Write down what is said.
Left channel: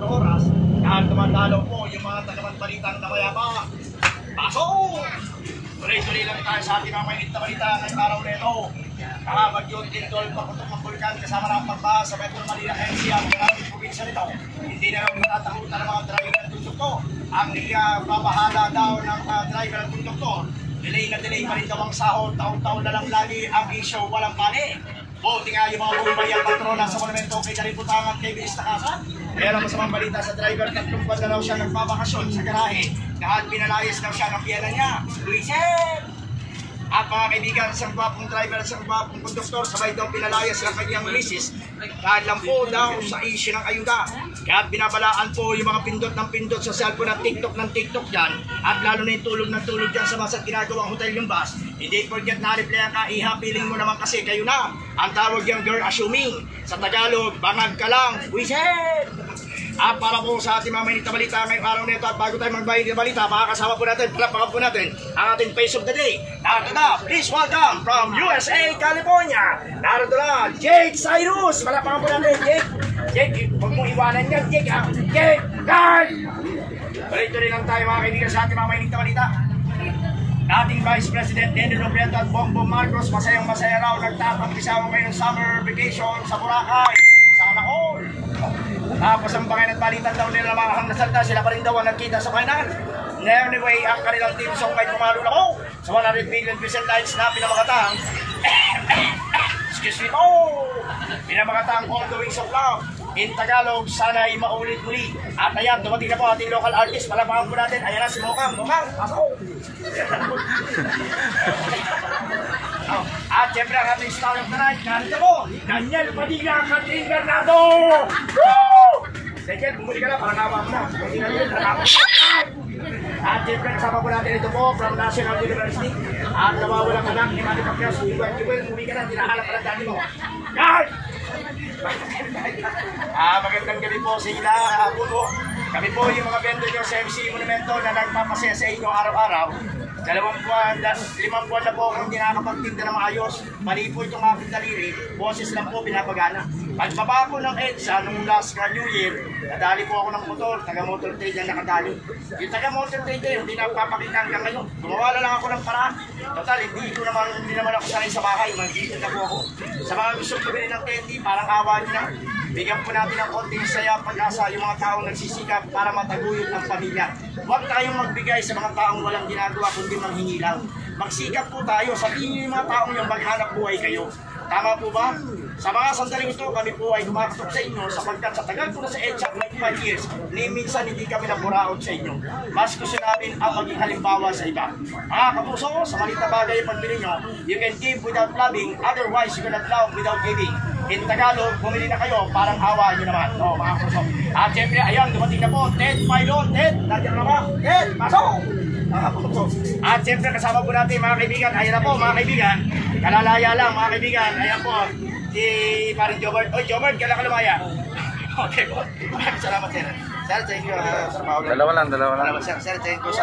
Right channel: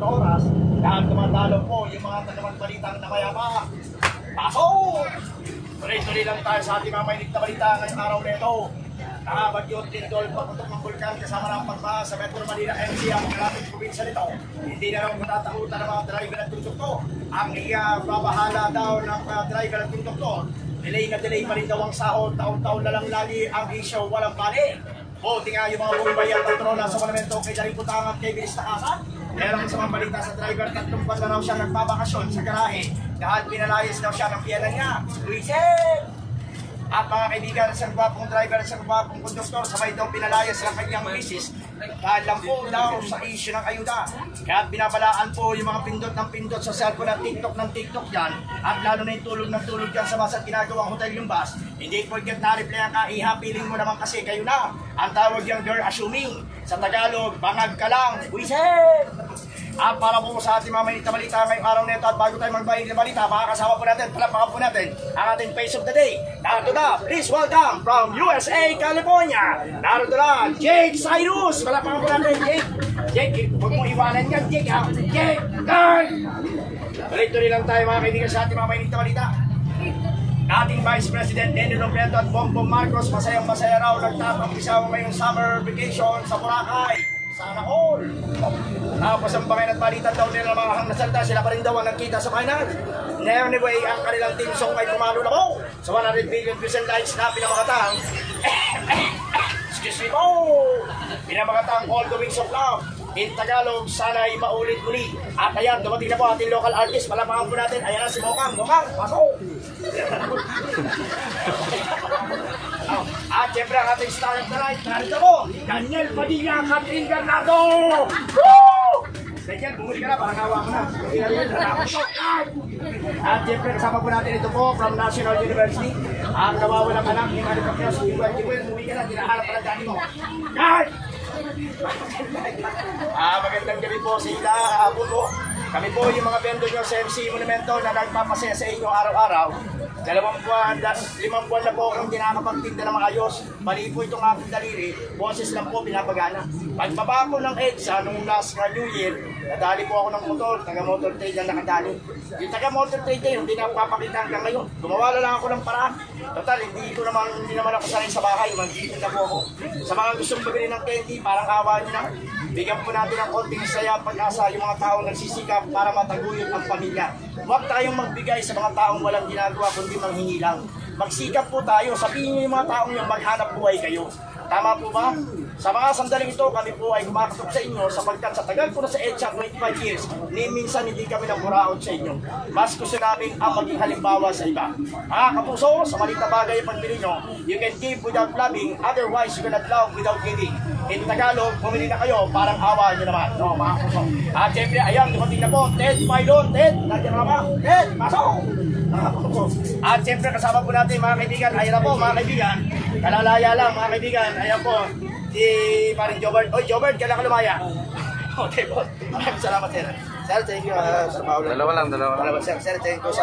na oras. Dahil tumatalo po yung mga tagaman balitang na mayama. Pasok! Tuloy-tuloy lang tayo sa ating mga mainit na balita ngayong araw nito. Kahabag yung Tindol, paputok ng Bulkan kasama ng pagbaha sa Metro Manila NCR, maraming probinsya nito. Hindi na rin matatakutan ng mga driver at konduktor. Ang babahala daw ng driver at konduktor. Delay na delay pa rin daw ang sahod, taon-taon na lang lagi ang issue, walang pali. Buti nga yung mga bumbay at patrona sa monumento kay Daliputan at kay Bilis Takasan. Meron sa mga balita sa driver, 3 buwan na raw siya nagbabakasyon sa garahe. Dahil pinalayas daw siya ng piyanan niya. Luisel! At mga kaibigan, isang gwapong driver at isang gwapong konduktor, sabay daw pinalayas ng kanyang misis. Dahil lang po daw sa issue ng ayuda. Kaya binabalaan po yung mga pindot ng pindot sa cellphone at TikTok ng TikTok dyan. At lalo na yung tulog ng tulog dyan sa bus at ginagawang hotel yung bus. Hindi porket na-reply ka, iha-feeling mo naman kasi kayo na. Ang tawag yung girl assuming. Sa Tagalog, bangag ka lang. Wisit! At para po sa ating mga mainit na balita ngayong araw nito at bago tayo magbayad ng balita, makakasama po natin, palapakan po natin ang ating face of the day. Narito na, please welcome from USA, California. Narito na, Jake Cyrus. Palapakan po natin, Jake. Jake, huwag mo iwanan yan, Jake ha. Jake, guard! Tuloy-tuloy lang tayo mga kaibigan sa ating mga mainit na balita. Dating Vice President Nene Robredo at Bongbong Marcos, masayang-masaya raw nagtapang-pisawa ngayong summer vacation sa Boracay. Sana all! Tapos ang bangay at balitan daw nila mga hangnasalda, sila pa rin daw ang nagkita sa final. Anyway, ang kanilang team song ay pumalo na po sa 100 million visual likes na pinamakatang excuse me po! Pinamakatang All the Wings of Love. In Tagalog, sana'y maulit muli. At ayan, dumating na po ating local artist. Palapakan po natin. Ayan na si Mokang. Mokang, pasok! At siyempre ang ating star of the night, narito po, Daniel Padilla, Catherine Bernardo! Woo! Daniel, bumuli ka na, parang awa mo na. At siyempre kasama po natin ito po from National University. At nawawalang anak ni Manny Pacquiao, Jewel, bumuli ka na, tinahalap ka na dati mo. Guys! Magandang gabi po sa inyo po. Kami po yung mga vendor nyo sa MC Monumento na nagpapasaya sa inyo araw-araw. 2 buwan, 5 buwan na po akong hindi nakakapagtinda na maayos. Mali po itong aking daliri, boses lang po pinapagana. Pagbaba ko ng EDSA nung last New Year, nadali po ako ng motor, taga-motor trade na nakadali. Yung taga-motor trade na yun, hindi napapakita hanggang ngayon. Gumawa lang ako ng paraan. Total, hindi naman ako sanay sa bahay, mag-gigit na po ako. Sa mga gustong pabili ng candy, parang awa nyo na. Bigyan po natin ng konting saya, pag-asa yung mga taong nagsisikap para mataguyod ang pamilya. Huwag tayong magbigay sa mga taong walang ginagawa kundi manghingi lang. Magsikap po tayo, sabihin nyo yung mga taong yung maghanap buhay kayo. Tama po ba? Sa mga sandaling ito, kami po ay kumakatok sa inyo sapagkat sa tagal po na sa EDSA 25 years, ni minsan hindi kami naburaot sa inyo. Mas gusto namin ang maging halimbawa sa iba. Mga kapuso, sa maliit na bagay ang pagbili nyo, you can give without loving, otherwise you cannot love without giving. In Tagalog, bumili na kayo, parang awa nyo naman. No, mga kapuso. At siyempre, ayan, dumating na po, Ted Pilot. Ted, nandiyan na ba? Ted, pasok! At siyempre, kasama po natin mga kaibigan. Ayan na po mga kaibigan. Kalalaya lang mga kaibigan. Ayan po, si parang Jobert. Oy, Jobert, kailan ka lumaya? Okay po. Maraming salamat, sir. Sir, thank you. Dalawa lang. Sir, thank you.